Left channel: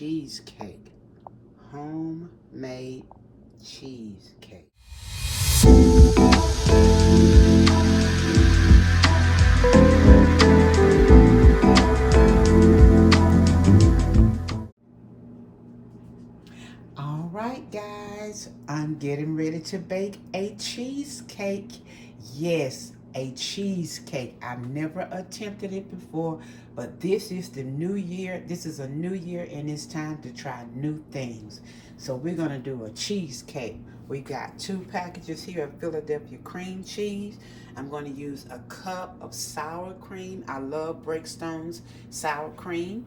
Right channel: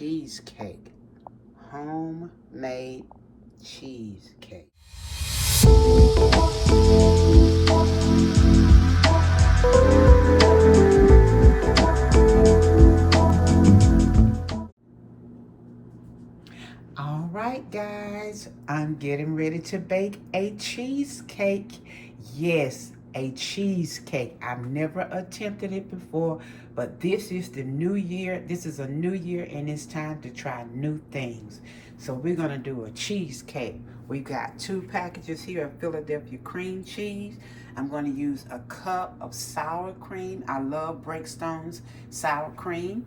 cheesecake. Homemade cheesecake. All right, guys, I'm getting ready to bake a cheesecake. Yes, a cheesecake. I've never attempted it before, but this is the new year. This is a new year, and it's time to try new things. So we're gonna do a cheesecake. We got 2 packages here of Philadelphia cream cheese. I'm gonna use a cup of sour cream. I love Breakstone's sour cream.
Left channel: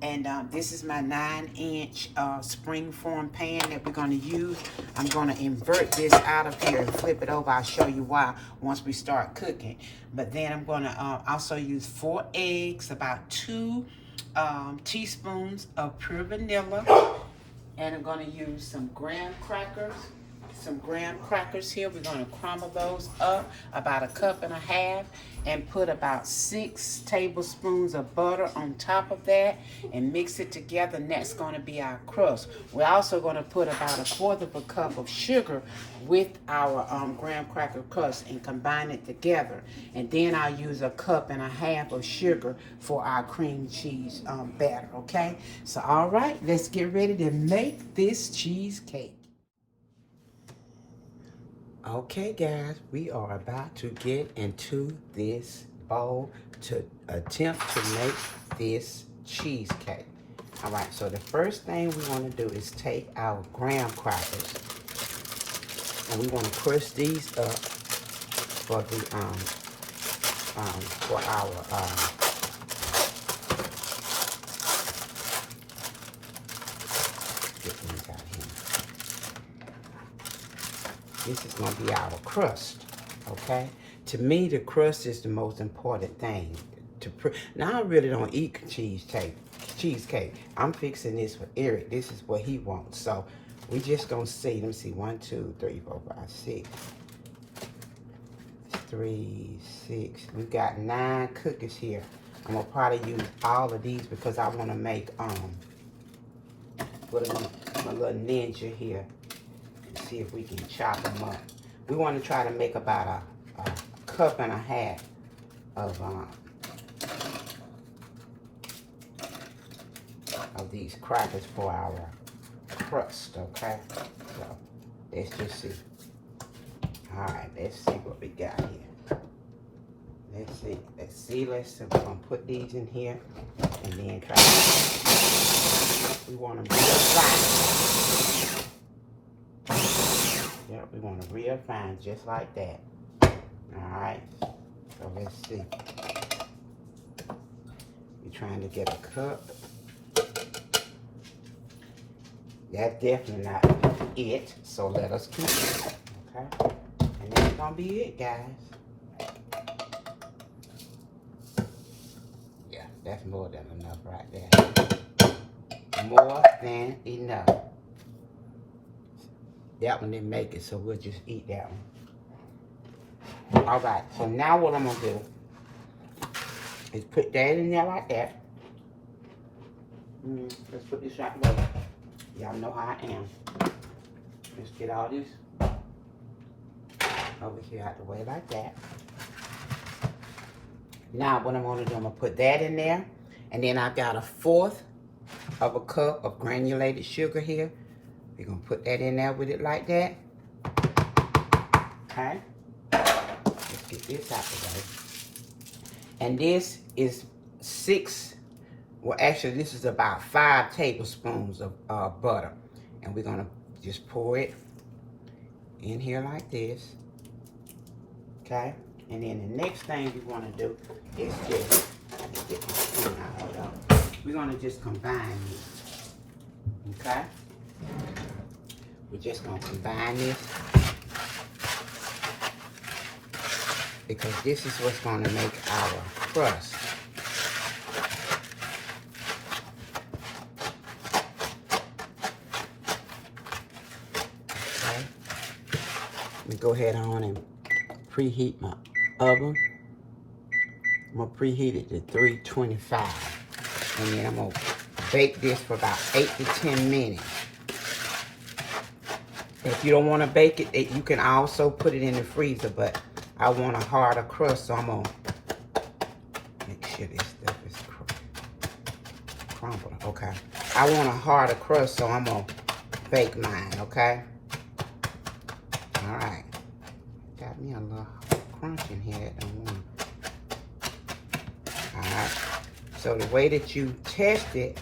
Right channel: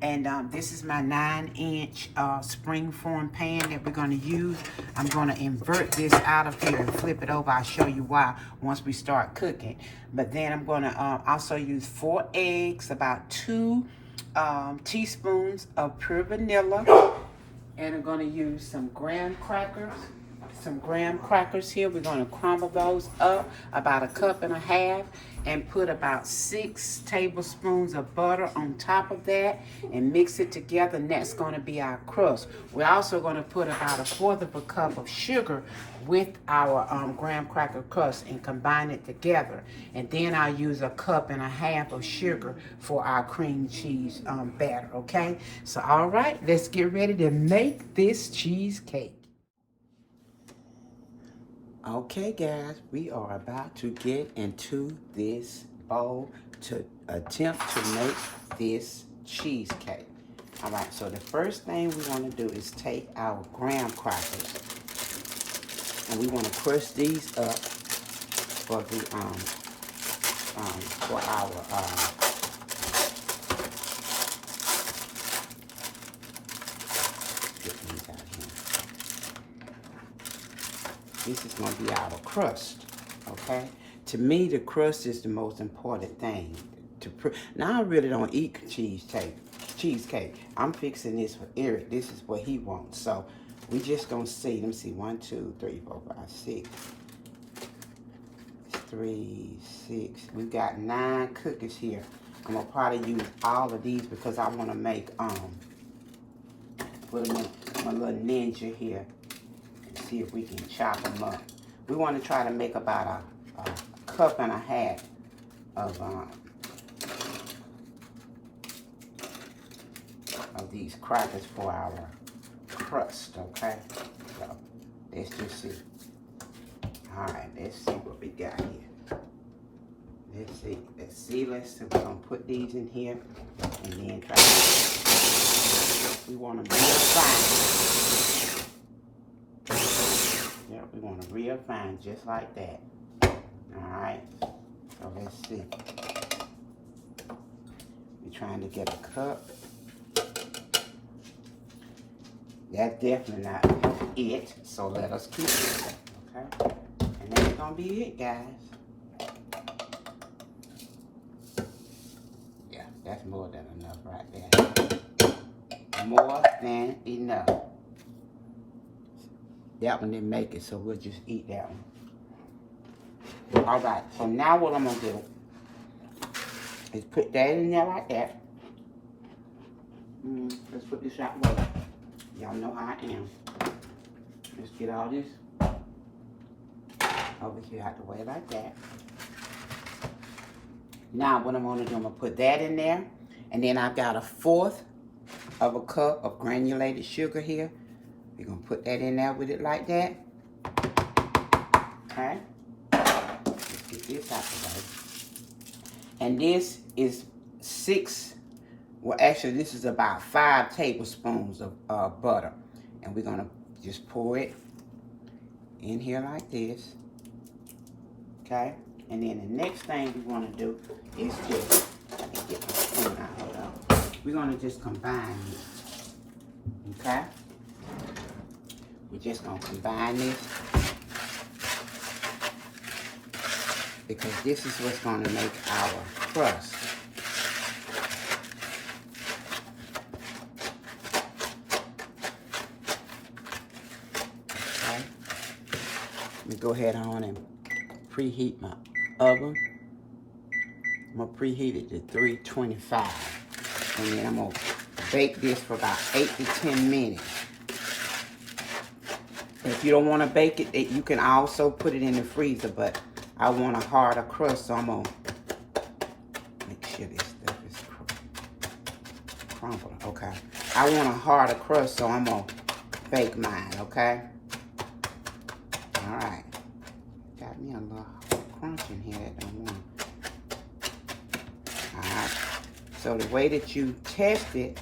And this is my 9-inch Springform pan that we're going to use. I'm going to invert this out of here and flip it over. I'll show you why once we start cooking. But then I'm going to also use 4 eggs, about 2 teaspoons of pure vanilla. And I'm going to use some graham crackers. Here. We're going to crumble those up, about 1.5 cups, and put about 6 tablespoons of butter on top of that and mix it together, and that's going to be our crust. We're also going to put about 1/4 cup of sugar with our graham cracker crust and combine it together. And then I'll use 1.5 cups of sugar for our cream cheese batter, okay? So, all right, let's get ready to make this cheesecake. Okay, guys, we are about to get into this bowl to attempt to make this cheesecake. All right, so the first thing we want to do is take our graham crackers, and we want to crush these up for the for our this is going to be our crust, okay? To me, the crust is the most important thing. Now, I really don't eat cheesecake. I'm fixing this for Eric. This is what he wants. So, we just going to see. Let me see. 1, 2, 3, 4, 5, 6. 3, 6. We got 9 cookies here. I'm going to probably use all of these because I want to make, with my little ninja here. See if we can chop them up. We want to try to make about 1.5 cups of these crackers for our crust, okay? So let's just see. All right, let's see what we got here. Let's see. We're gonna put these in here and then try to, we want them real fine. Yeah, we want to real fine, just like that. All right, so let's see. We're trying to get a cup. That's definitely not it, so let us keep it, okay? And that's gonna be it, guys. Yeah, that's more than enough right there. More than enough. That one didn't make it, so we'll just eat that one. All right, so now what I'm gonna do is put that in there like that. Let's put this right way. Y'all know how I am. Let's get all this over here out the way like that. Now what I'm gonna do, I'm gonna put that in there, and then I've got 1/4 cup of granulated sugar here. We're going to put that in there with it like that. Okay. Let's get this out the way. And this is 6, well actually this is about 5 tablespoons of butter. And we're going to just pour it in here like this. Okay. And then the next thing we want to do is just get the spoon out. We're going to just combine these. Okay. We're just going to combine this because this is what's going to make our crust. Okay. Let me go ahead on and preheat my oven. I'm going to preheat it to 325. And then I'm going to bake this for about 8 to 10 minutes. If you don't want to bake it, you can also put it in the freezer, but I want a harder crust, so I'm going to make sure this stuff is crumbled. Okay. I want a harder crust, so I'm going to bake mine, okay? All right. Got me a little crunch in here that don't want. All right. So the way that you test it,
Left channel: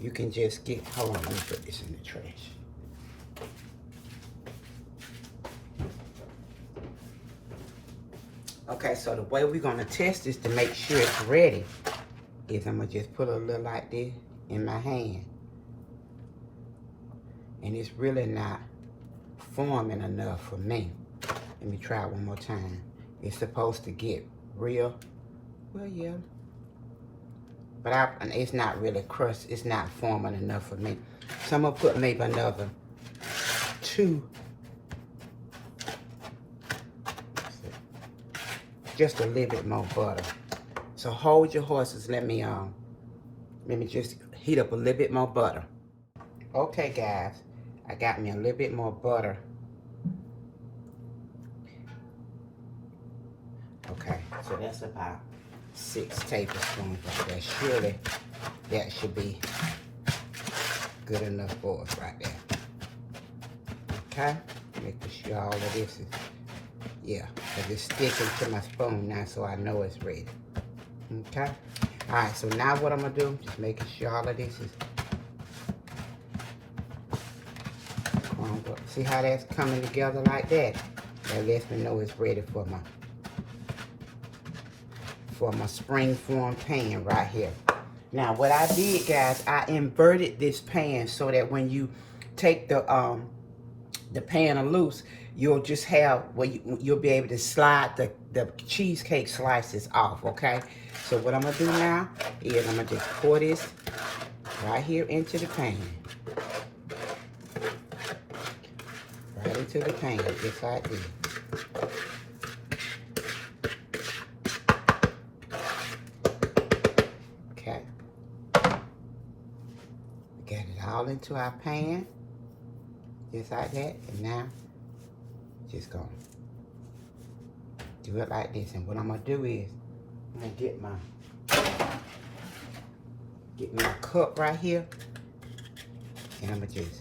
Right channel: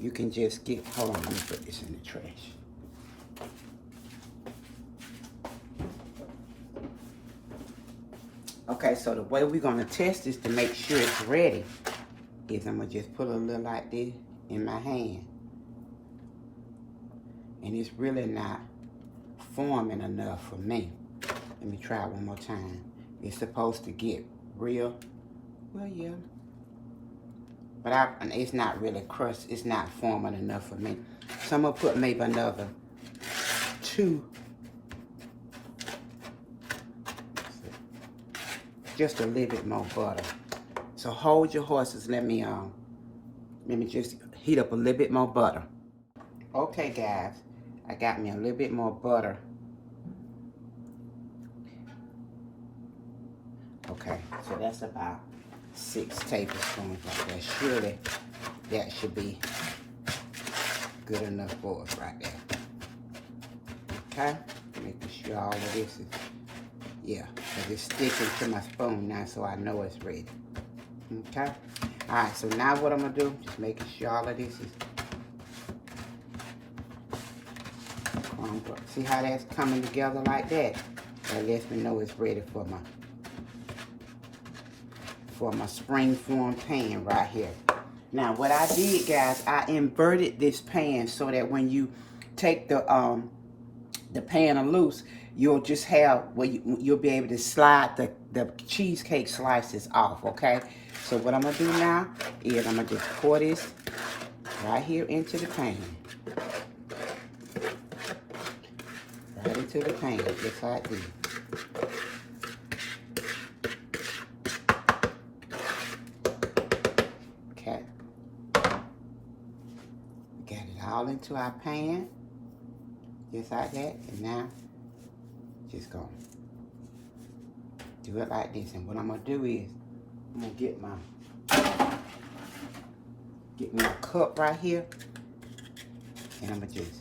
you can just get, hold on, let me put this in the trash. Okay, so the way we're gonna test this to make sure it's ready is I'm gonna just put a little like this in my hand. And it's really not forming enough for me. Let me try it one more time. It's supposed to get real, well, yeah. But it's not really crust, it's not forming enough for me. So I'm gonna put maybe another 2. Just a little bit more butter. So hold your horses, let me just heat up a little bit more butter. Okay guys, I got me a little bit more butter. Okay, so that's about 6 tablespoons of that. Surely that should be good enough for us right there. Okay, making sure all of this is, yeah, because it's sticking to my spoon now, so I know it's ready. Okay, all right, so now what I'm gonna do, just making sure all of this is crumbled. See how that's coming together like that? That lets me know it's ready for my Springform pan right here. Now what I did, guys, I inverted this pan so that when you take the pan loose, you'll just have, well, you'll be able to slide the cheesecake slices off, okay? So what I'm gonna do now is I'm gonna just pour this right here into the pan. Right into the pan, just like this. Okay. We got it all into our pan, just like that. And now, just gonna do it like this. And what I'm gonna do is, I'm gonna get my cup right here, and I'm gonna just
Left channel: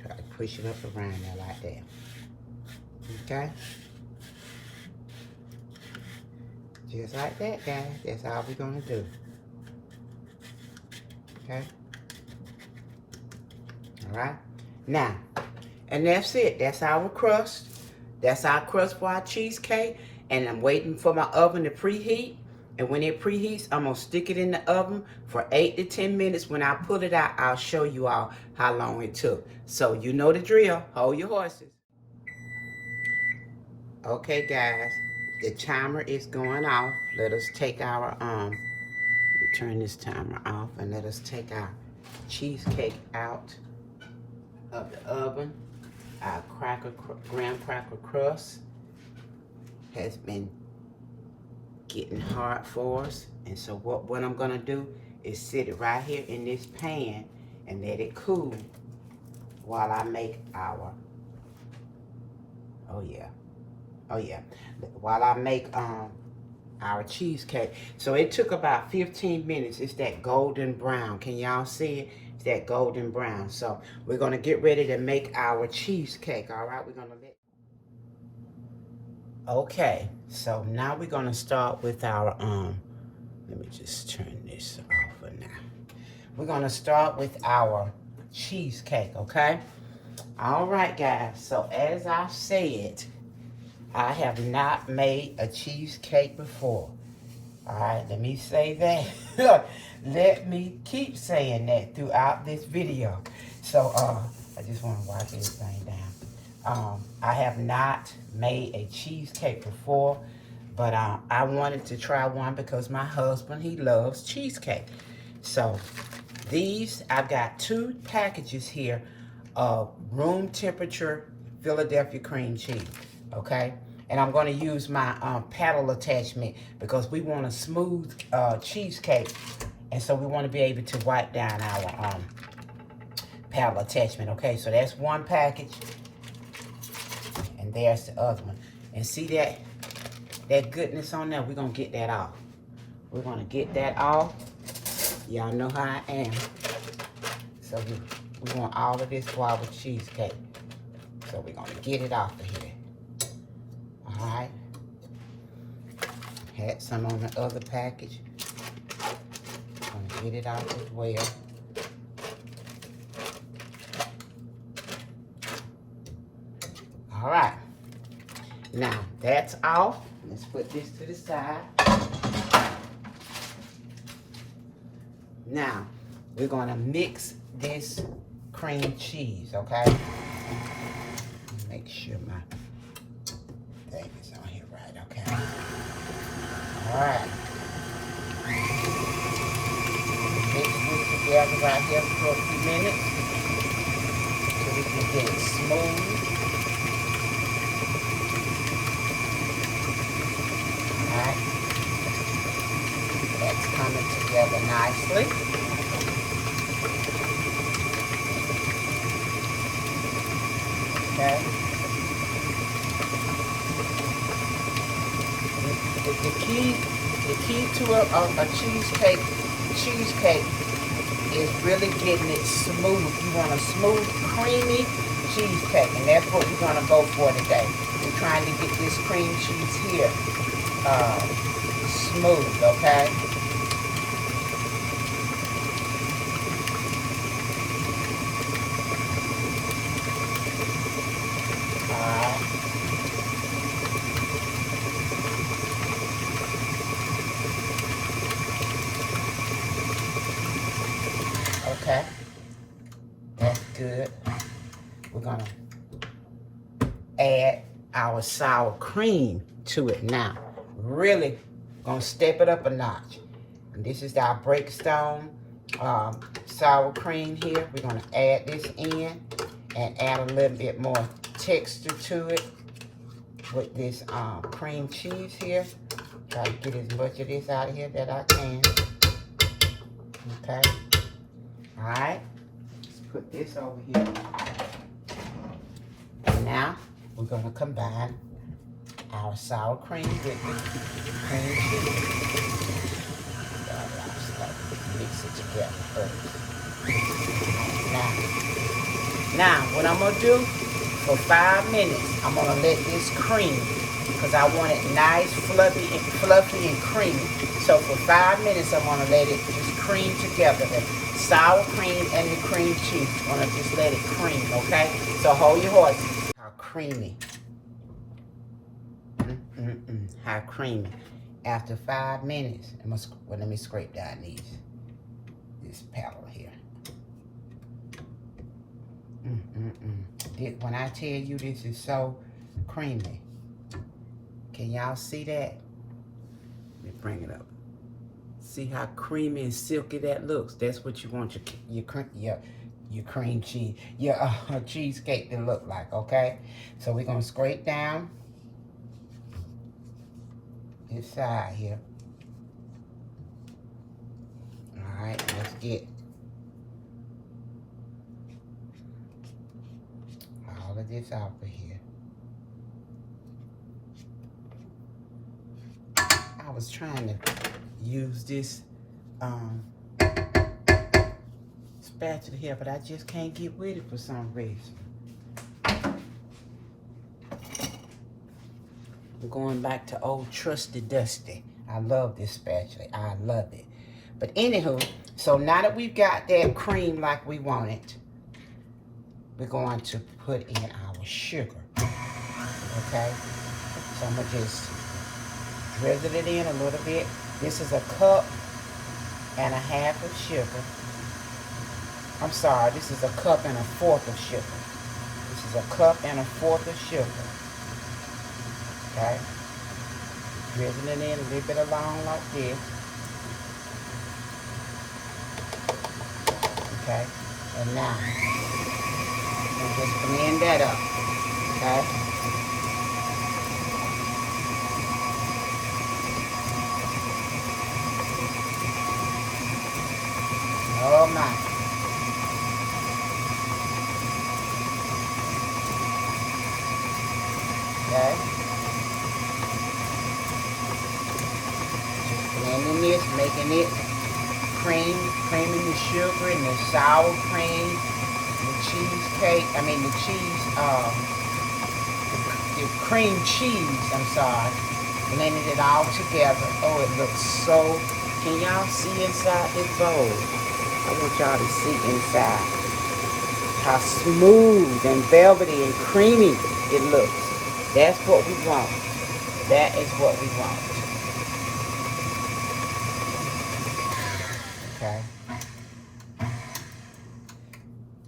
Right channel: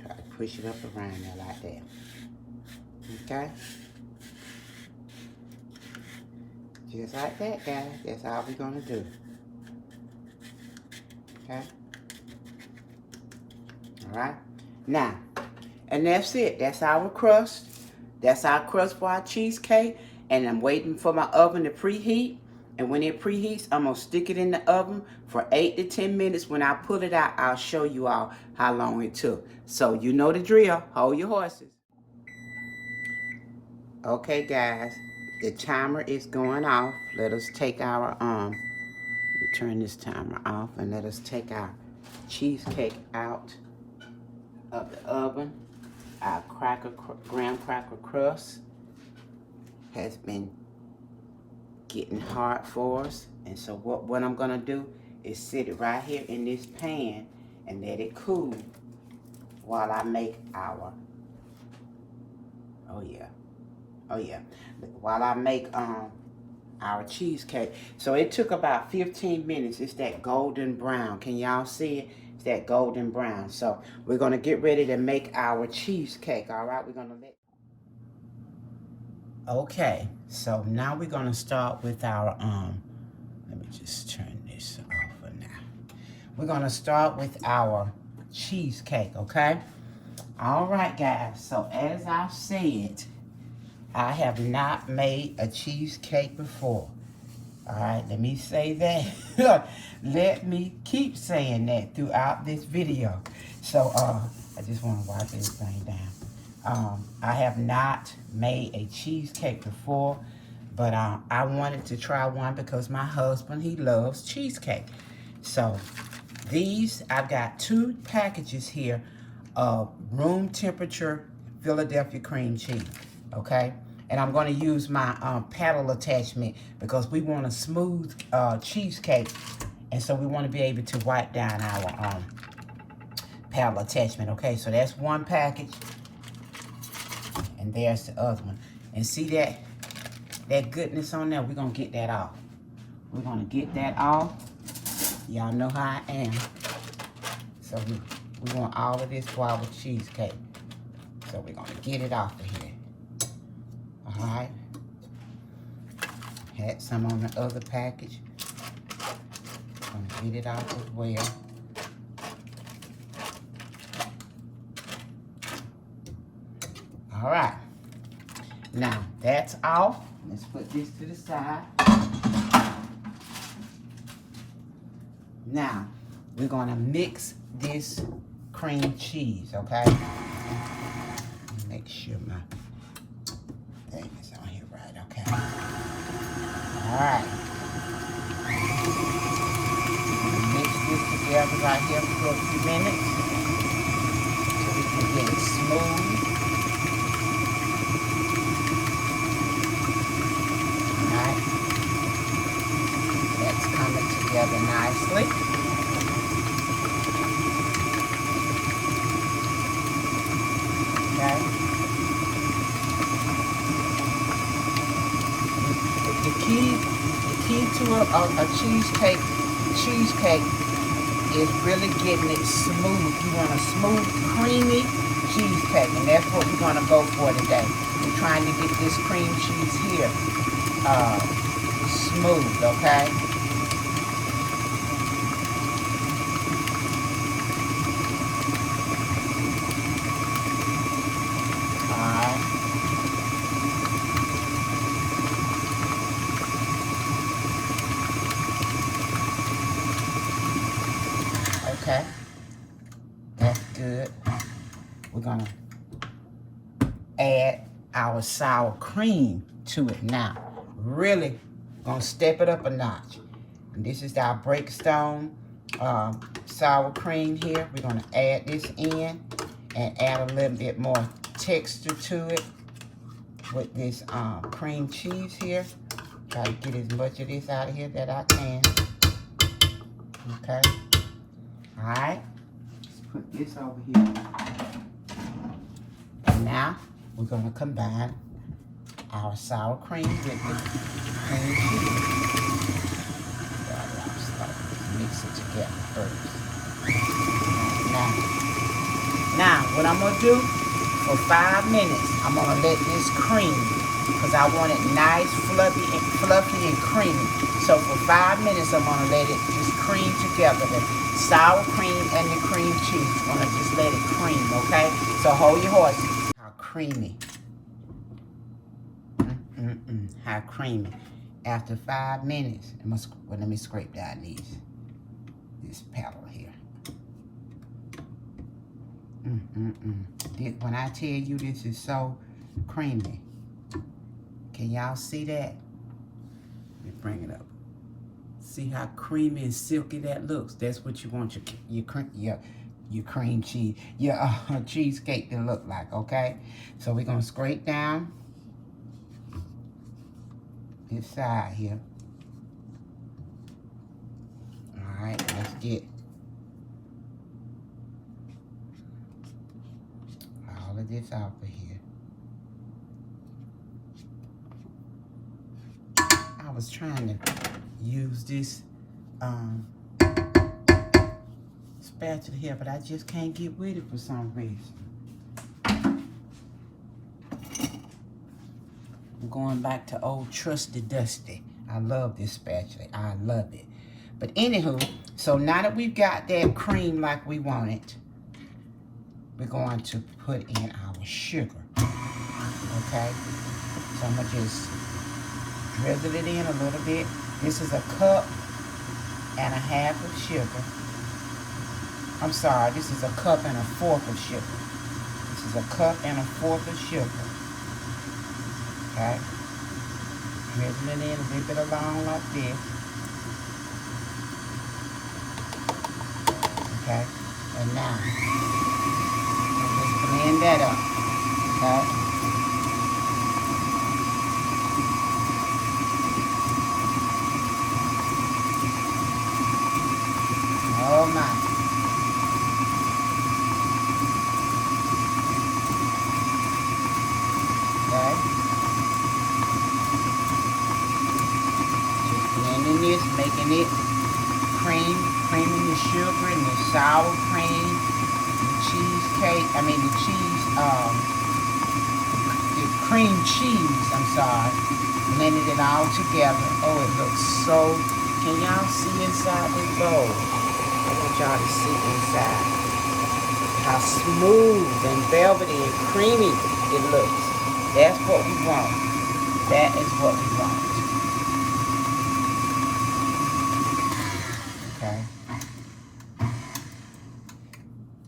try to push it up around there like that. Okay? Just like that, guys. That's all we're gonna do. Okay? Alright? Now, and that's it. That's our crust. That's our crust for our cheesecake. And I'm waiting for my oven to preheat. And when it preheats, I'm going to stick it in the oven for 8 to 10 minutes. When I pull it out, I'll show you all how long it took. So you know the drill. Hold your horses. Okay, guys. The timer is going off. Let us take our, we'll turn this timer off and let us take our cheesecake out of the oven. Our graham cracker crust has been getting hard for us. And so what I'm gonna do is sit it right here in this pan and let it cool while I make our, while I make our cheesecake. So it took about 15 minutes. It's that golden brown. Can y'all see it? It's that golden brown. So we're gonna get ready to make our cheesecake. All right, we're gonna let. Okay, so now we're gonna start with our let me just turn this off for now. We're gonna start with our cheesecake, okay? All right, guys, so as I said, I have not made a cheesecake before. All right, let me say that. Let me keep saying that throughout this video. So I just want to wipe everything down. I have not made a cheesecake before, but I wanted to try one because my husband, he loves cheesecake. So these, I've got 2 packages here of room temperature Philadelphia cream cheese. okay? And I'm going to use my paddle attachment because we want a smooth cheesecake. And so we want to be able to wipe down our paddle attachment, okay? So that's one package. And there's the other one. And see that goodness on there? We're going to get that off. We're going to get that off. Y'all know how I am. So we want all of this for our cheesecake. So we're going to get it off of here. All right. Had some on the other package. Going to get it out as well. All right. Now, that's off. Let's put this to the side. Now, we're going to mix this cream cheese, okay? Make sure my thing is on here right, okay? All right. Mix this together right here for a few minutes so we can get it smooth. All right. That's coming together nicely. Okay. The key to a cheesecake is really getting it smooth. You want a smooth, creamy cheesecake, and that's what we're gonna go for today. We're trying to get this cream cheese here smooth, okay? Okay, that's good. We're gonna add our sour cream to it now. Really gonna step it up a notch. And this is our Breakstone sour cream here. We're gonna add this in and add a little bit more texture to it with this cream cheese here. Try to get as much of this out of here that I can. Okay. All right, let's put this over here. And now we're gonna combine our sour cream with the cream cheese. Mix it together first. Now what I'm gonna do for 5 minutes, I'm gonna let this cream, because I want it nice, fluffy and creamy. So for 5 minutes, I'm gonna let it just cream together. The sour cream and the cream cheese. I'm gonna just let it cream, okay? So hold your horses. How creamy. How creamy. After 5 minutes, let me scrape down this paddle here. When I tell you this is so creamy, can y'all see that? Let me bring it up. See how creamy and silky that looks? That's what you want your cream cheese, your cheesecake to look like, okay? So we're gonna scrape down this side here. All right, let's get all of this out of here. I was trying to use this spatula here, but I just can't get with it for some reason. I'm going back to old trusty dusty. I love this spatula. I love it. But anywho, so now that we've got that cream like we want it, we're going to put in our sugar. Okay? So I'm gonna just drizzle it in a little bit. This is 1.5 cups of sugar. I'm sorry, this is 1.25 cups of sugar. This is 1.25 cups of sugar. Okay? Drizzle it in, whip it along like this. Okay? And now, we'll just blend that up. Okay? blending this, making it creaming the sugar and the sour cream, the cheesecake, the cream cheese, I'm sorry. Blending it all together. Oh, it looks so, can y'all see inside this bowl? I want y'all to see inside how smooth and velvety and creamy it looks. That's what we want. That is what we want. Okay.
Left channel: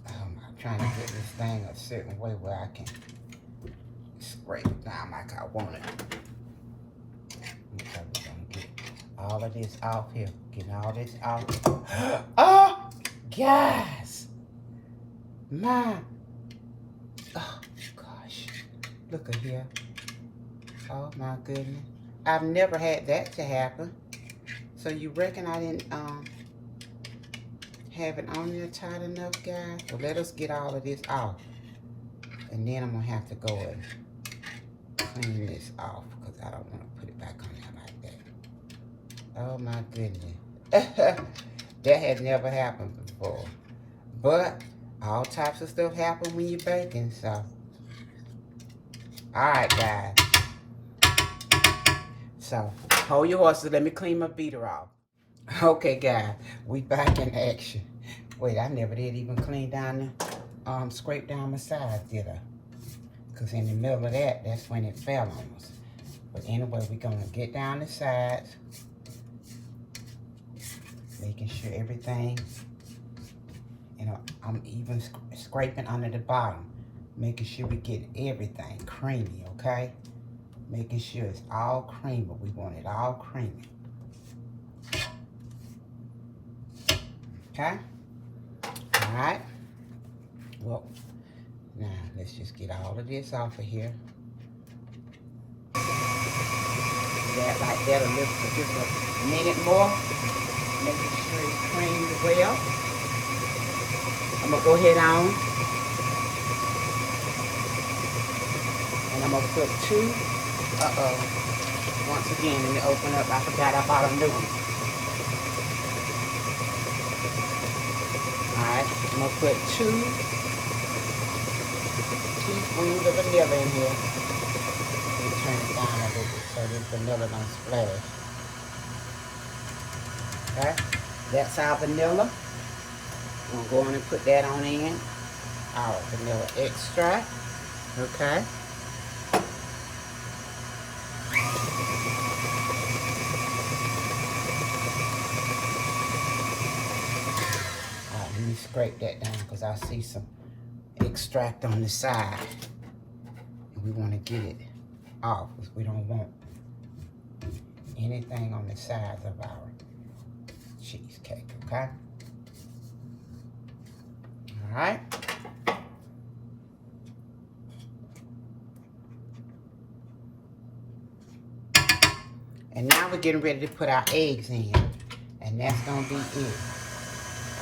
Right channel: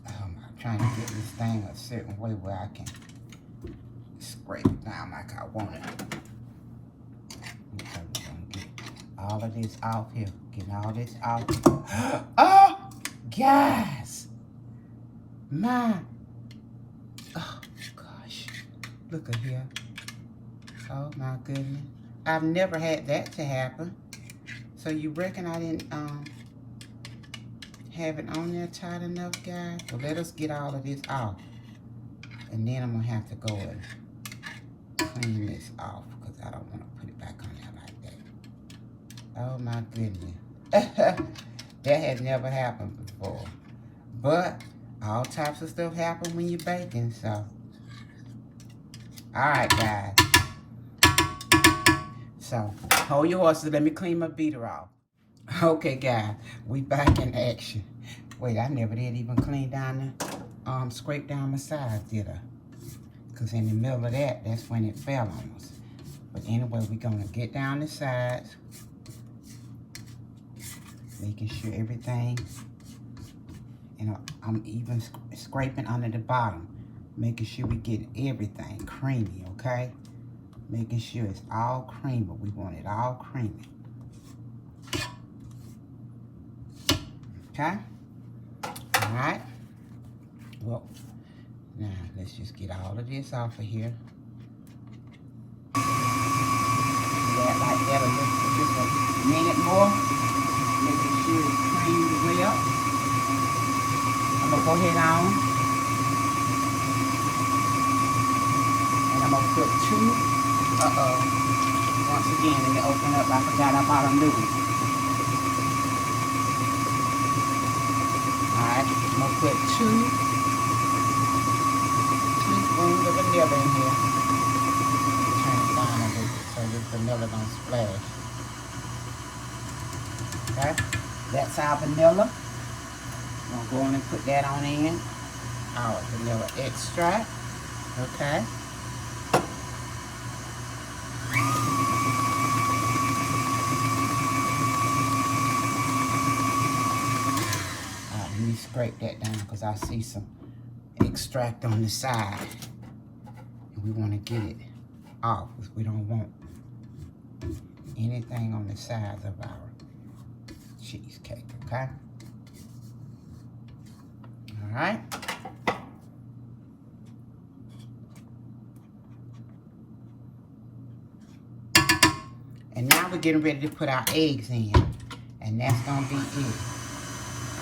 I'm trying to get this thing a certain way where I can scrape it down like I want it. Okay, we're gonna get all of this out here. Getting all this out. Oh, guys. Oh gosh. Look at here. Oh my goodness. I've never had that to happen. So you reckon I didn't have it on there tight enough, guys? Well, let us get all of this off. And then I'm gonna have to go and clean this off because I don't want to put it back on there like that. Oh my goodness. That had never happened before. But all types of stuff happen when you're baking, so. Alright, guys. So, hold your horses. Let me clean my beater off. Okay, guys. We back in action. Wait, I never did even clean down the, scrape down my sides, did I? Because in the middle of that, that's when it fell on us. But anyway, we're going to get down the sides. Making sure everything, you know, I'm even scraping under the bottom. Making sure we get everything creamy, okay? Making sure it's all creamy. We want it all creamy. Okay? All right. Well, now let's just get all of this off of here. That like that a minute more. Making sure it's creamed well. I'm gonna go ahead on. And I'm gonna put 2. Once again, let me open it up. I forgot I bought a new one. Alright, I'm gonna put 2 teaspoons of vanilla in here. Turn it down a little bit so this vanilla don't splash. Okay, that's our vanilla. I'm going to put that on in. Our vanilla extract. Okay. Scrape that down because I see some extract on the side and we want to get it off because we don't want anything on the sides of our cheesecake, okay? All right. And now we're getting ready to put our eggs in, and that's gonna be it.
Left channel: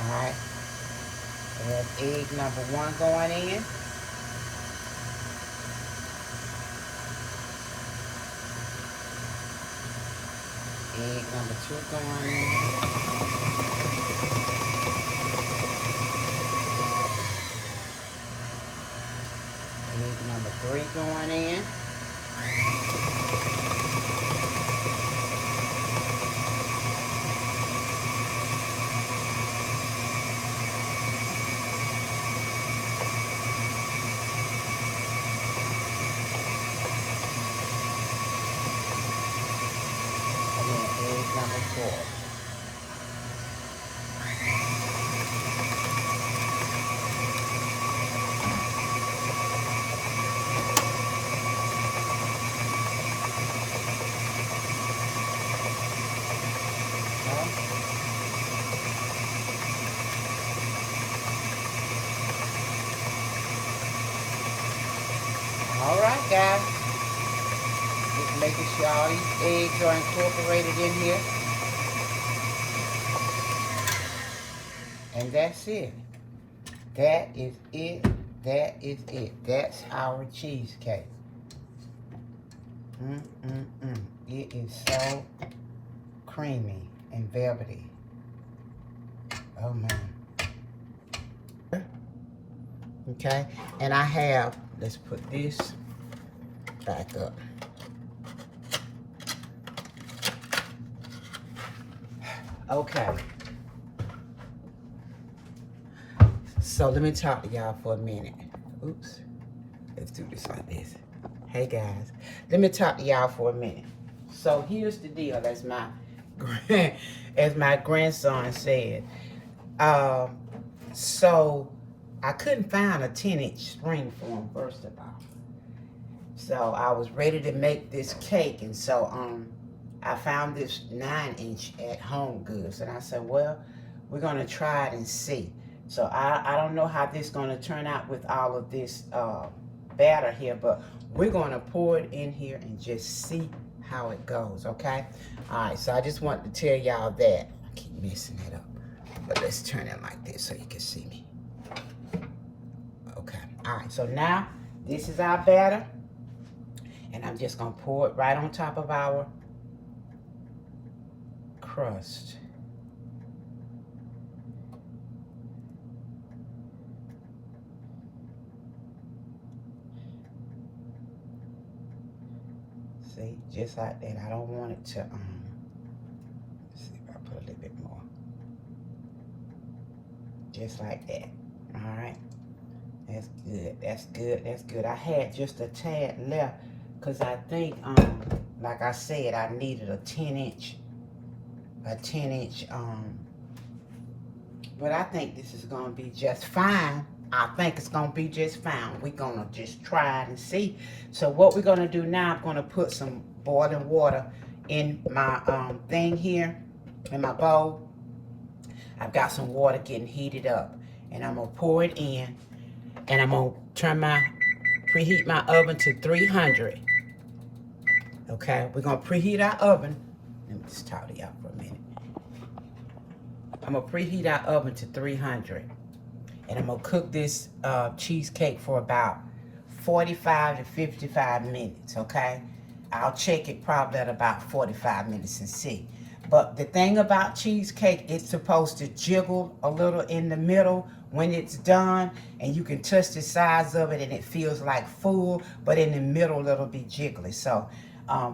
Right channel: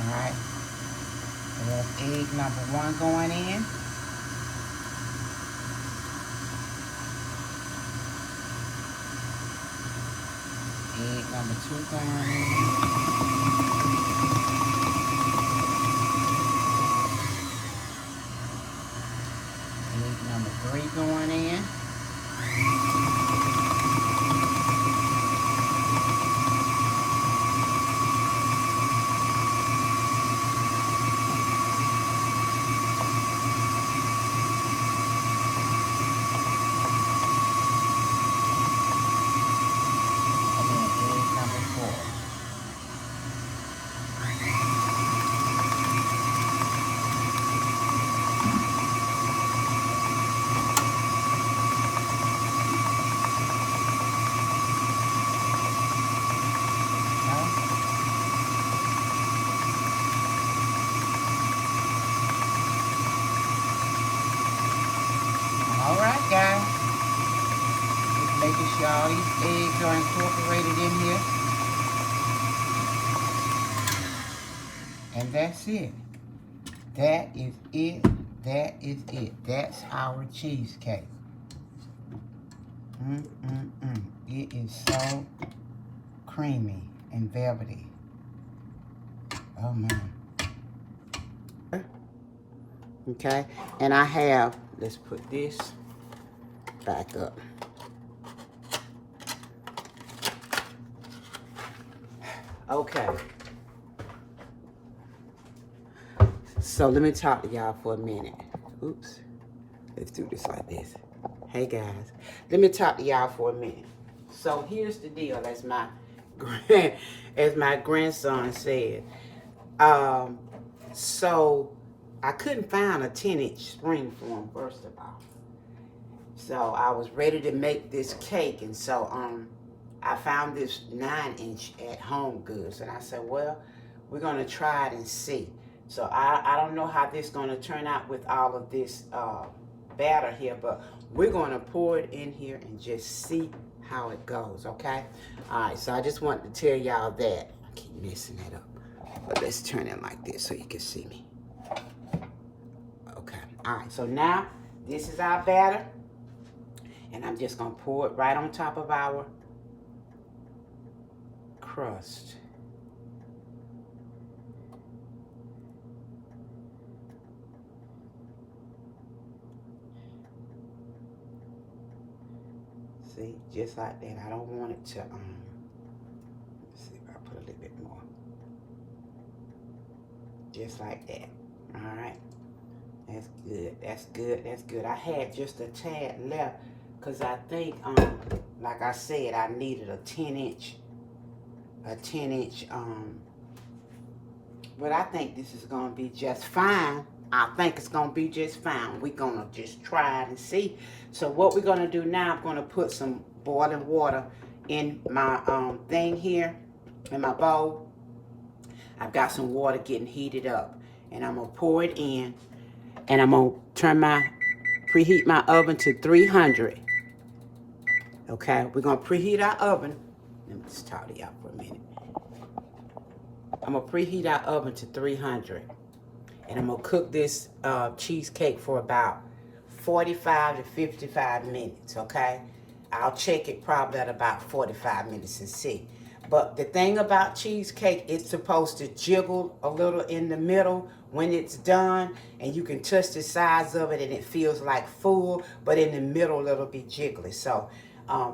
All right. There's egg number 1 going in. Egg number 2 going in. Egg number 3 going in. Alright guys, just making sure all these eggs are incorporated in here. And that's it. That is it. That is it. That's our cheesecake. It is so creamy and velvety. Oh man. Okay, and I have, let's put this back up. Okay. So let me talk to y'all for a minute. Oops. Let's do this like this. Hey guys, let me talk to y'all for a minute. So here's the deal, as my grandson said. So I couldn't find a 10-inch Springform, first of all. So I was ready to make this cake, and so I found this 9-inch at Home Goods, and I said, well, we're gonna try it and see. So I don't know how this is gonna turn out with all of this batter here, but we're gonna pour it in here and just see how it goes, okay? All right, so I just wanted to tell y'all that. I keep messing that up, but let's turn it like this so you can see me. Okay, all right, so now this is our batter, and I'm just gonna pour it right on top of our crust. See, just like that. I don't want it to, let's see if I put a little bit more. Just like that. All right. That's good. That's good. That's good. I had just a tad left because I think, like I said, I needed a 10-inch, but I think this is going to be just fine. I think it's going to be just fine. We're going to just try it and see. So what we're going to do now, I'm going to put some boiling water in my thing here, in my bowl. I've got some water getting heated up. And I'm going to pour it in. And I'm going to preheat my oven to 300. Okay, we're going to preheat our oven. Let me just talk to y'all for a minute. I'm going to preheat our oven to 300. And I'm going to cook this cheesecake for about 45 to 55 minutes, okay? I'll check it probably at about 45 minutes and see. But the thing about cheesecake, it's supposed to jiggle a little in the middle when it's done. And you can touch the sides of it and it feels like full. But in the middle, it'll be jiggly. So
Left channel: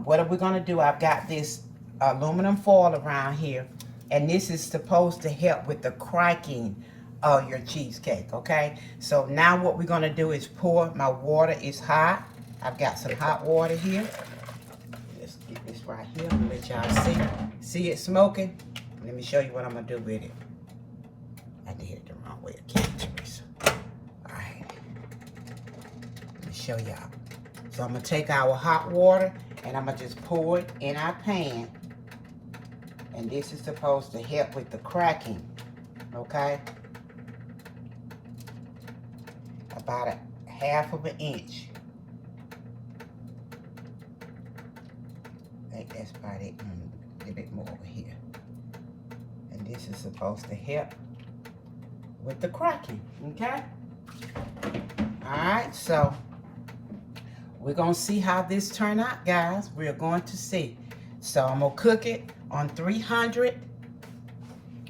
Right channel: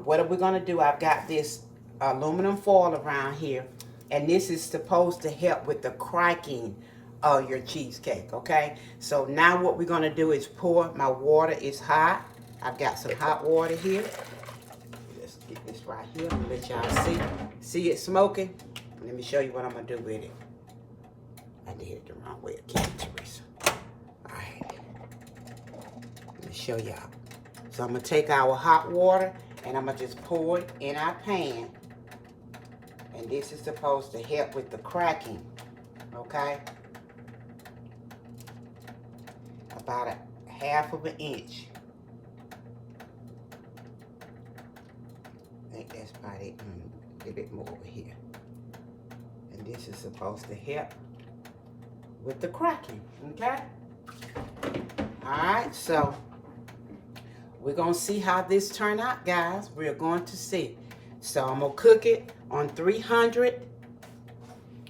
what are we going to do? I've got this aluminum foil around here. And this is supposed to help with the cracking of your cheesecake, okay? So now what we're gonna do is pour. My water is hot. I've got some hot water here. Let's get this right here. Let y'all see. See it smoking? Let me show you what I'm gonna do with it. I did it the wrong way again, Teresa. All right. Let me show y'all. So I'm gonna take our hot water and I'm gonna just pour it in our pan. And this is supposed to help with the cracking, okay? About a half of an inch. I think that's about it. A little bit more over here. And this is supposed to help with the cracking, okay? All right, so we're gonna see how this turn out, guys. We're going to see. So I'm gonna cook it on 300.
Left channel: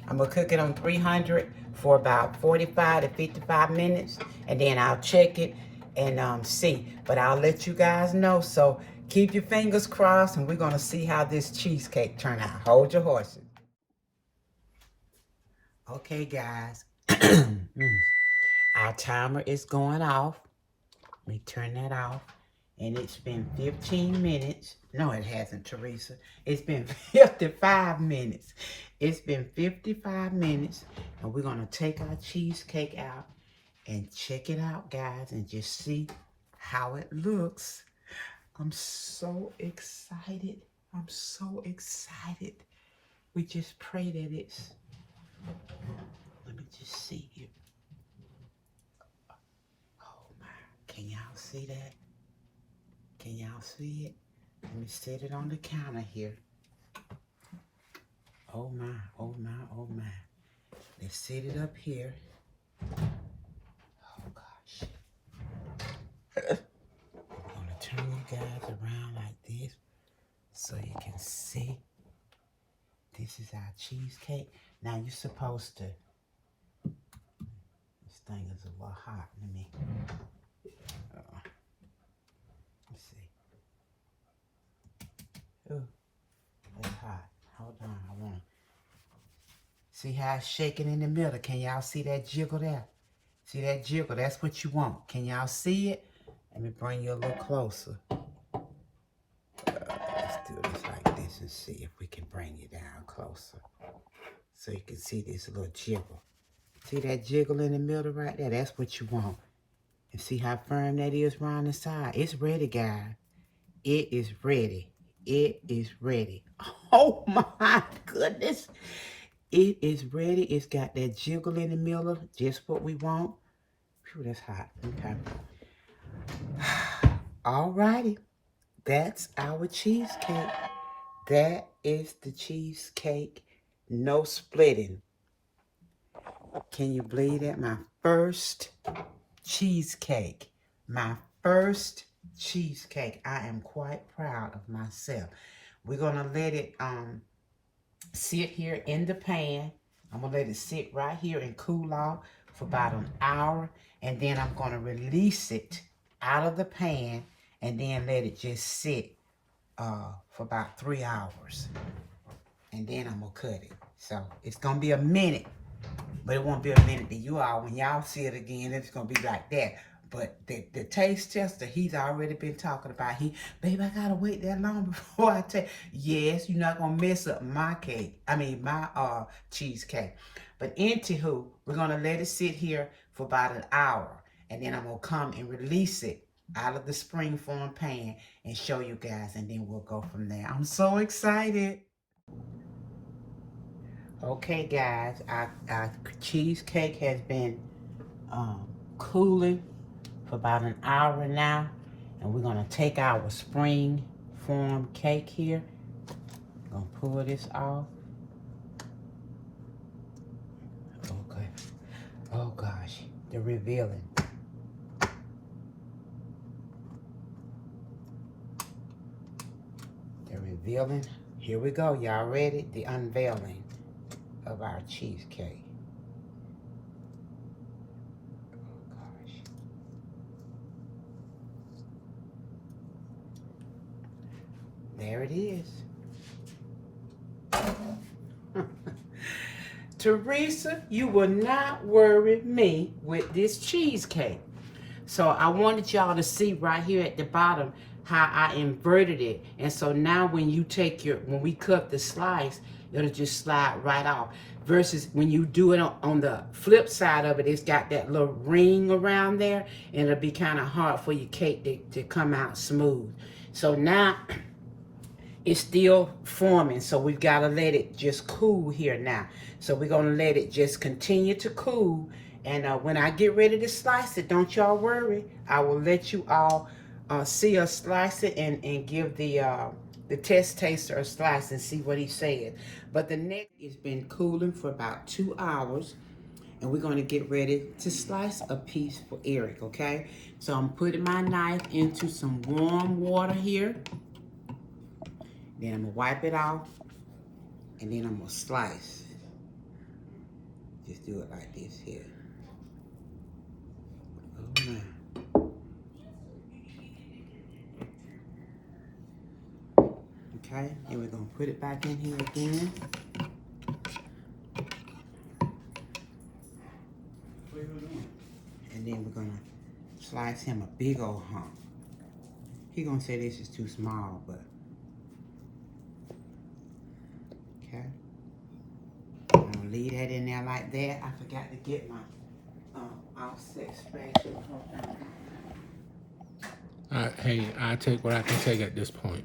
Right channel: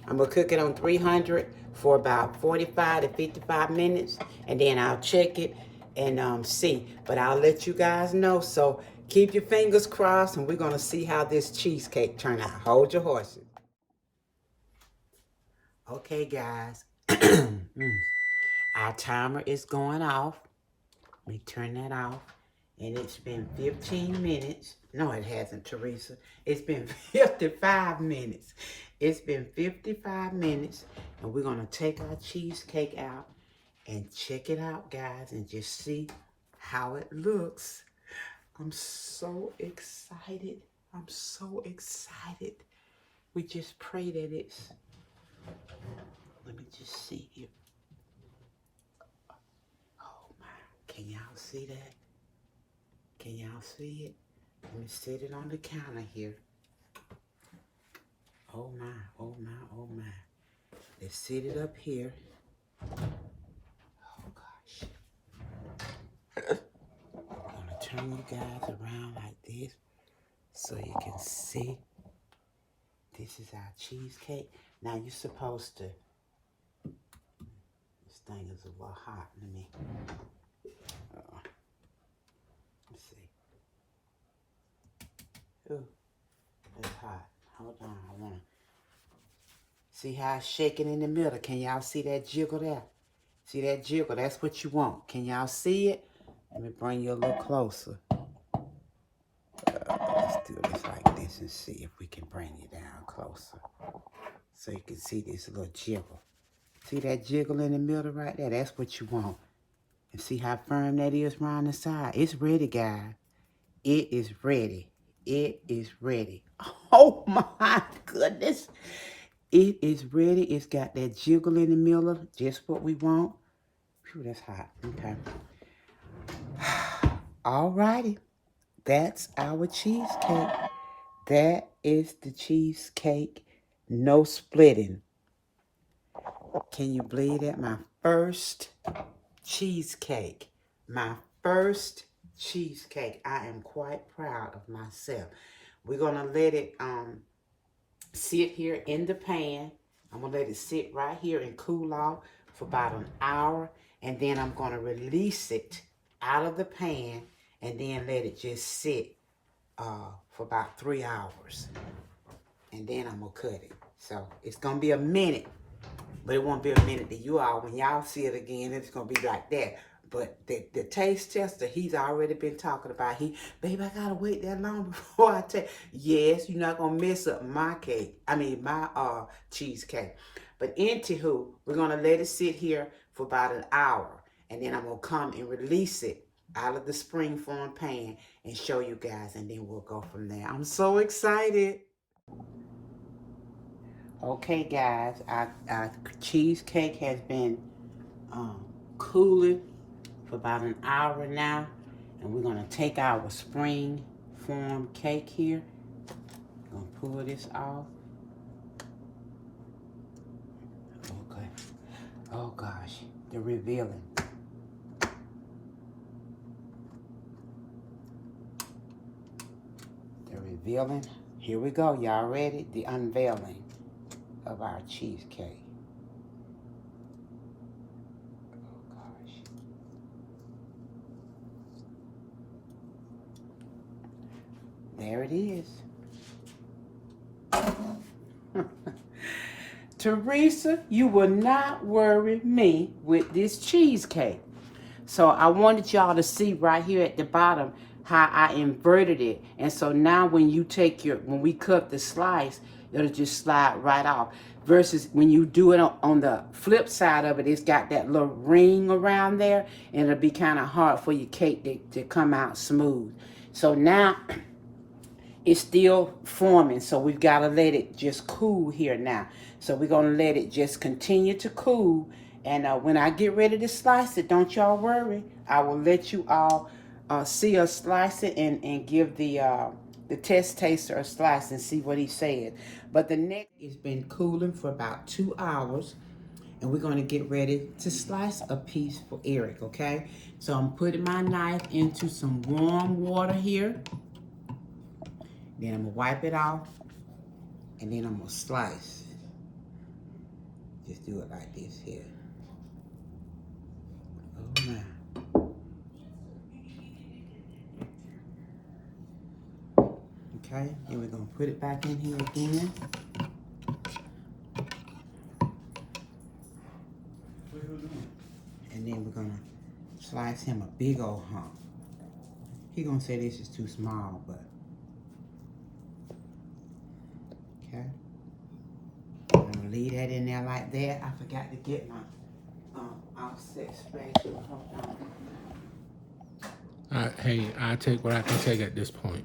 I'm gonna cook it on 300 for about 45 to 55 minutes, and then I'll check it and see. But I'll let you guys know. So keep your fingers crossed, and we're gonna see how this cheesecake turn out. Hold your horses. Okay, guys. Our timer is going off. Let me turn that off. And it's been 15 minutes. No, it hasn't, Teresa. It's been 55 minutes. It's been 55 minutes. And we're going to take our cheesecake out and check it out, guys, and just see how it looks. I'm so excited. I'm so excited. We just pray that it's... Let me just see here. Oh, my. Can y'all see that? Can y'all see it? Let me set it on the counter here. Oh my, oh my, oh my. Let's set it up here. Oh gosh. I'm gonna turn you guys around like this so you can see This is our cheesecake. Now you're supposed to, this thing is a little hot. Let's see. Ooh, it's hot. Hold on, I wanna see how it's shaking in the middle. Can y'all see that jiggle there? See that jiggle? That's what you want. Can y'all see it? Let me bring you a little closer. Let's do this like this and see if we can bring you down closer. So you can see this little jiggle. See that jiggle in the middle right there? That's what you want. And see how firm that is around the side? It's ready, guys. It is ready. It is ready. Oh my goodness. It is ready. It's got that jiggle in the middle. Just what we want. Phew, that's hot. Okay. Alrighty. That's our cheesecake. That is the cheesecake. No splitting. Can you believe that? My first cheesecake. My first cheesecake. I am quite proud of myself. We're going to let it sit here in the pan. I'm going to let it sit right here and cool off for about an hour. And then I'm going to release it out of the pan and then let it just sit for about 3 hours. And then I'm going to cut it. So it's going to be a minute. But it won't be a minute to you all. When y'all see it again, it's going to be like that. But the taste tester, he's already been talking about. Baby, I got to wait that long before I take. Yes, you're not going to mess up my cake. I mean, my cheesecake. But anywho, we're going to let it sit here for about an hour. And then I'm going to come and release it out of the Springform pan and show you guys. And then we'll go from there. I'm so excited. Okay, guys, our cheesecake has been cooling for about an hour now, and we're gonna take our Springform cake here. Gonna pull this off. Okay. Oh gosh, they're revealing. They're revealing. Here we go. Y'all ready? The unveiling of our cheesecake. Oh gosh. There it is. Teresa, you will not worry me with this cheesecake. So I wanted y'all to see right here at the bottom how I inverted it. And so now when you when we cut the slice, it'll just slide right off. Versus when you do it on the flip side of it, it's got that little ring around there, and it'll be kind of hard for your cake to come out smooth. So now it's still forming, so we've got to let it just cool here now. So we're going to let it just continue to cool. And when I get ready to slice it, don't y'all worry. I will let you all see us slice it and give the test taster a slice and see what he said. But the neck has been cooling for about 2 hours. And we're going to get ready to slice a piece for Eric, okay? So I'm putting my knife into some warm water here. Then I'm going to wipe it off. And then I'm going to slice. Just do it like this here. Oh, my. Okay, and we're going to put it back in here again. And then we're going to slice him a big old hump. He's going to say this is too small, but... Okay. I'm going to leave that in there like that. I forgot to get my offset spatula. Hold on. Hey, I take what I can take at this point.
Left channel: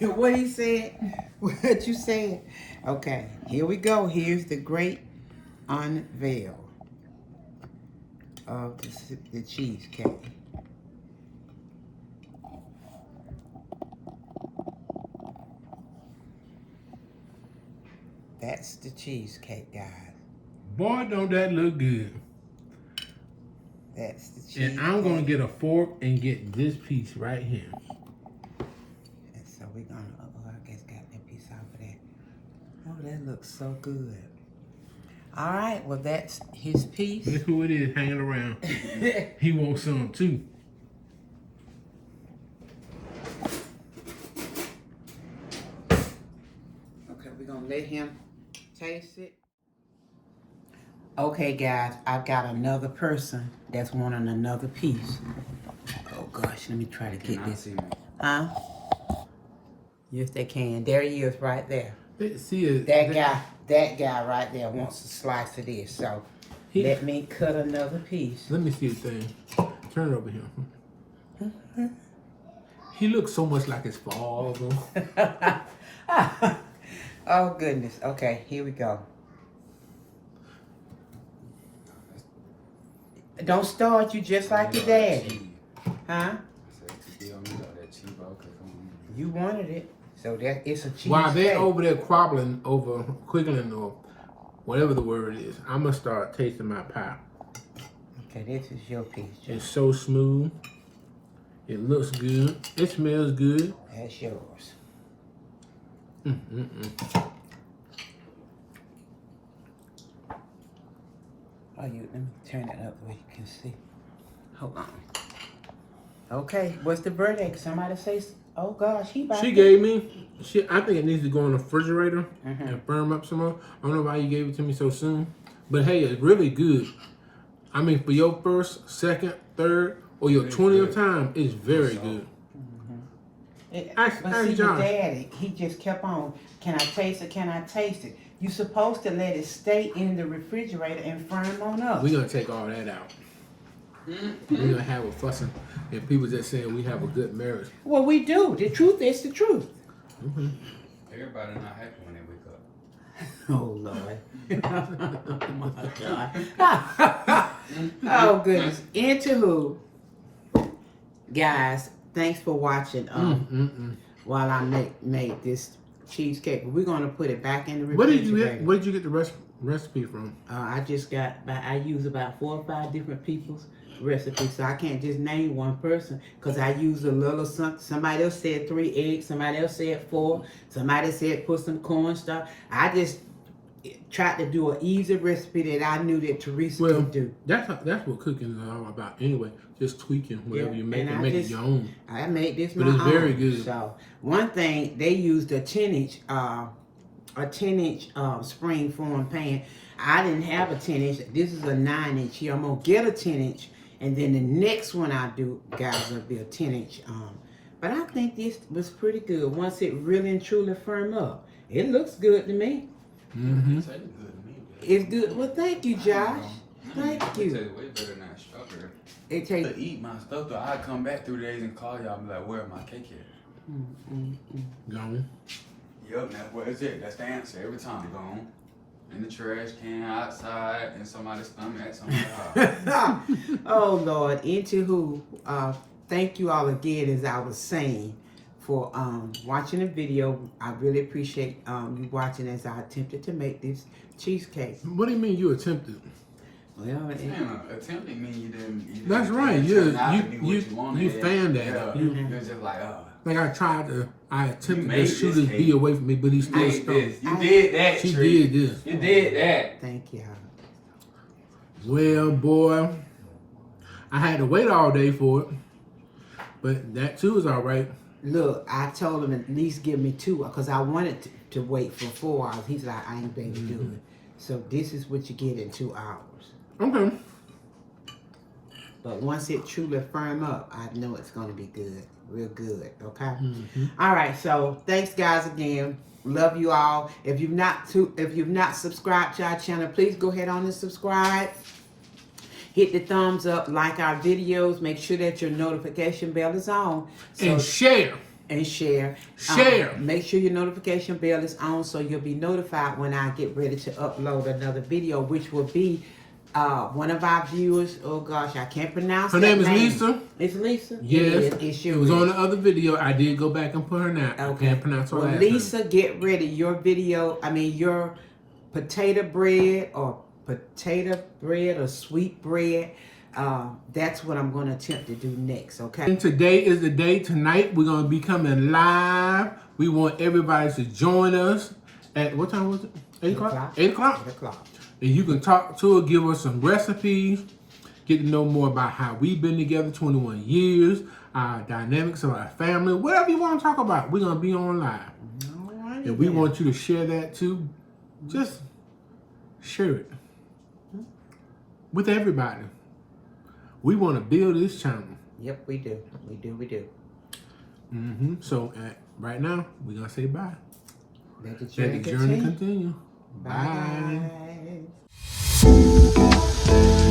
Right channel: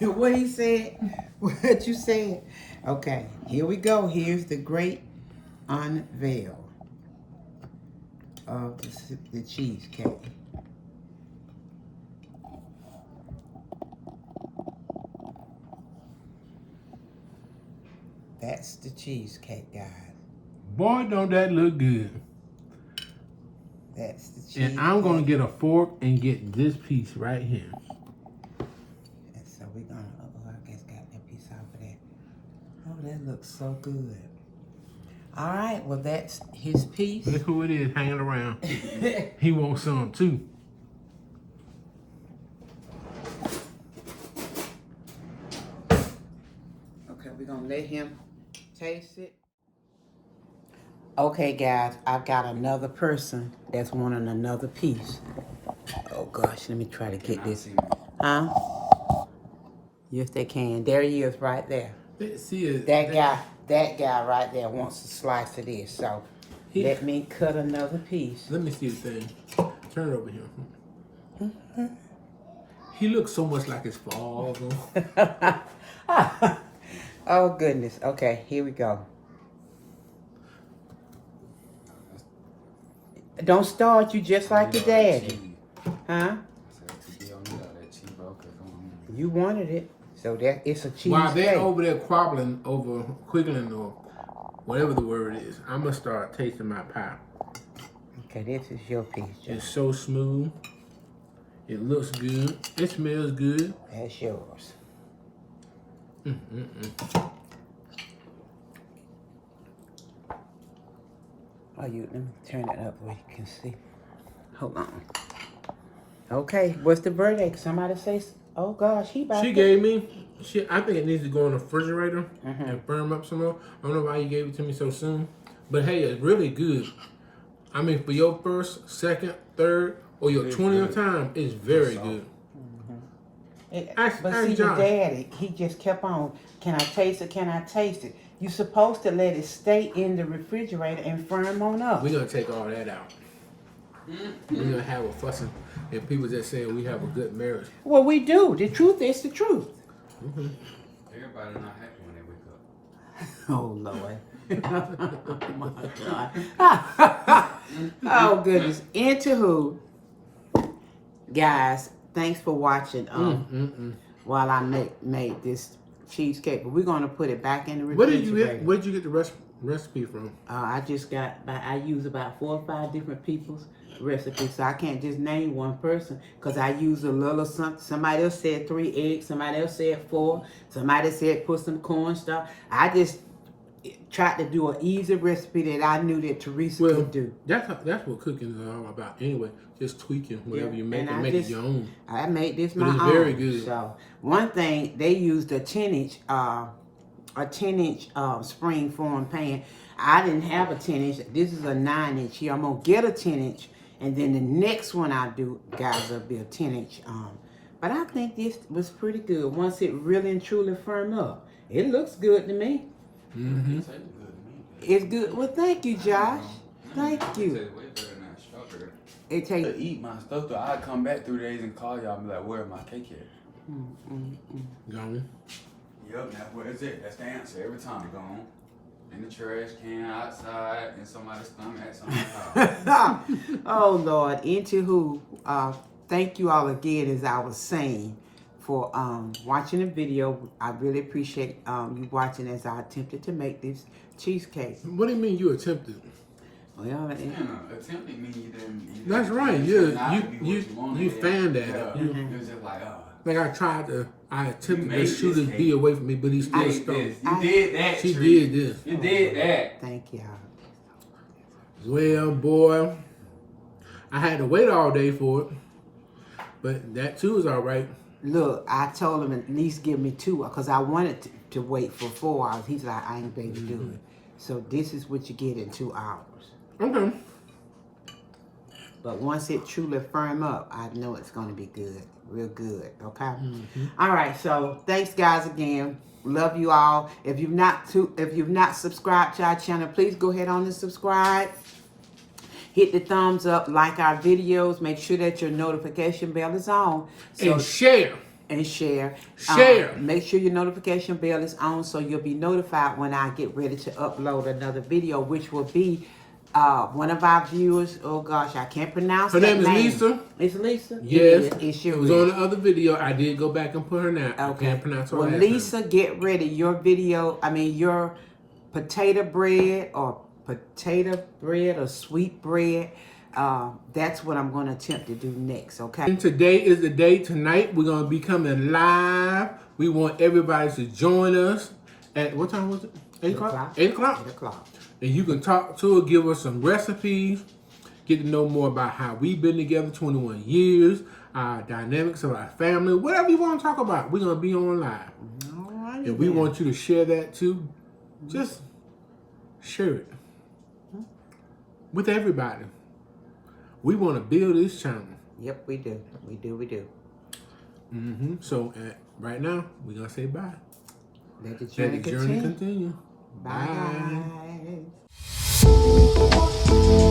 What he said? What you said? Okay, here we go. Here's the great unveil of the cheesecake. That's the cheesecake, guys. Boy, don't that look good. That's the cheesecake. And I'm going to get a fork and get this piece right here. And so we're going to, I guess got that piece off of that. Oh, that looks so good. All right, well, that's his piece. Guess who it is hanging around? He wants some too. Okay, we're gonna let him taste it. Okay, guys, I've got another person that's wanting another piece. Oh gosh, let me try to get this. Huh? Yes, they can. There he is, right there. That guy right there wants a slice of this. So let me cut another piece. Let me see the thing. Turn it over here. He looks so much like his father. Oh goodness. Okay, here we go. Don't start you just like your daddy. Huh? You wanted it. So that it's a cheesecake. While they're over there quabbling over quiggling or whatever the word is, I'm gonna start tasting my pie. Okay, this is your piece, Joe. It's so smooth. It looks good. It smells good. That's yours. Oh, let me turn it up where you can see. Hold on. Okay, what's the verdict? Somebody say, oh gosh, she gave me, I think it needs to go in the refrigerator and firm up some more. I don't know why you gave it to me so soon. But hey, it's really good. I mean, for your first, second, third, or your 20th time, it's very good. But see, your daddy, he just kept on, can I taste it, can I taste it? You're supposed to let it stay in the refrigerator and firm on up. We're going to take all that out. We're going to have a fussing. And people just saying we have a good marriage. Well, we do. The truth is the truth. Everybody not happy when they wake up. Oh, Lord. Oh, my God. Oh, goodness. Into who? Guys, thanks for watching while I make this cheesecake. But we're going to put it back in the refrigerator. Where did you get the recipe from? I just got, I use about 4 or 5 different people's recipes, so I can't just name one person because I use a little something. Somebody else said 3 eggs, somebody else said 4, somebody said put some cornstarch. I just tried to do an easy recipe that I knew that Teresa could do. That's what cooking is all about anyway. Just tweaking whatever you make and make it your own. I made this my own. But it's very good. So one thing, they used a 10-inch Springform Pan. I didn't have a 10-inch. This is a 9-inch here. I'm gonna get a 10-inch, and then the next one I do, guys, will be a 10-inch. But I think this was pretty good once it really and truly firm up. It looks good to me. It's good. Well, thank you, Josh. Thank you. It takes to eat my stuff, though. I come back 3 days and call y'all and be like, where's my cake at? Gone. Yep, now where is it? That's the answer every time. Gone. In the trash can, outside, in somebody's stomach, at somebody's house. Oh, Lord. Into who? Thank you all again, as I was saying, for watching the video. I really appreciate you watching as I attempted to make this cheesecake. What do you mean you attempted? Well, attempting mean you didn't. That's right. You fanned at it. It was just like, like I attempted to shoot his bee away from me, but he still stuck. You did that. She did this. You did that. Thank you. Well, boy, I had to wait all day for it, but that too is all right. Look, I told him at least give me 2 because I wanted to wait for 4 hours. He's like, I ain't able to do it. So this is what you get in 2 hours. Okay. But once it truly firm up, I know it's going to be good. Real good. Okay? All right. So thanks, guys, again. Love you all. If you've not subscribed to our channel, please go ahead on and subscribe. Hit the thumbs up, like our videos. Make sure that your notification bell is on. And share. And share. Share. Make sure your notification bell is on so you'll be notified when I get ready to upload another video, which will be one of our viewers. Oh gosh, I can't pronounce her name. Her name is Lisa. It's Lisa? Yes. It was on the other video. I did go back and put her name. Okay. I can't pronounce her last name. Lisa, get ready. Your video, your potato bread or sweet bread. that's what I'm going to attempt to do next, okay? And today is the day. Tonight we're going to be coming live. We want everybody to join us at, what time was it? 8 o'clock? 8 o'clock? 8 o'clock. And you can talk to her, give us some recipes, get to know more about how we've been together 21 years, our dynamics of our family, whatever you want to talk about, we're going to be on live. All right. And we want you to share that too. Just share it with everybody. We want to build this channel. Yep, we do. We do. So right now, we're going to say bye. Let the Let the journey continue. Bye. Bye.